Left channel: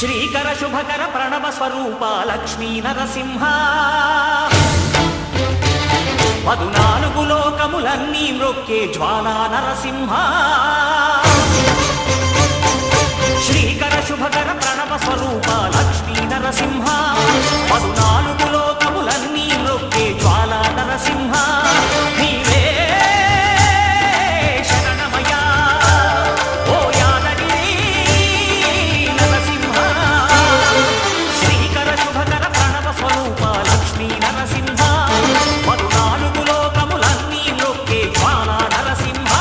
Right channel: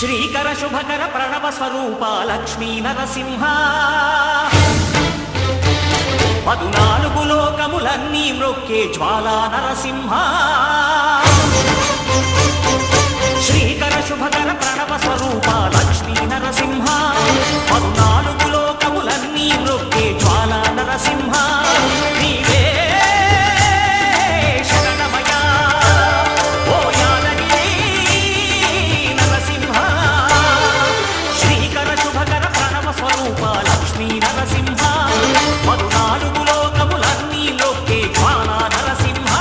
శ్రీకర శుభకర ప్రణవ స్వరూప లక్ష్మీ నరసింహ 14 లోకములన్నీ మ్రొక్కే జ్వాలా నరసింహ శ్రీకర శుభకర ప్రణవ స్వరూప లక్ష్మీ నరసింహ 14 లోకములన్నీ మ్రొక్కే జ్వాలా నరసింహ నీవే శరణమయా ఓ యాదగిరి నరసింహ శ్రీకర శుభకర ప్రణవ స్వరూప లక్ష్మీ నరసింహ 14 లోకములన్నీ మ్రొక్కే జ్వాలా నరసింహ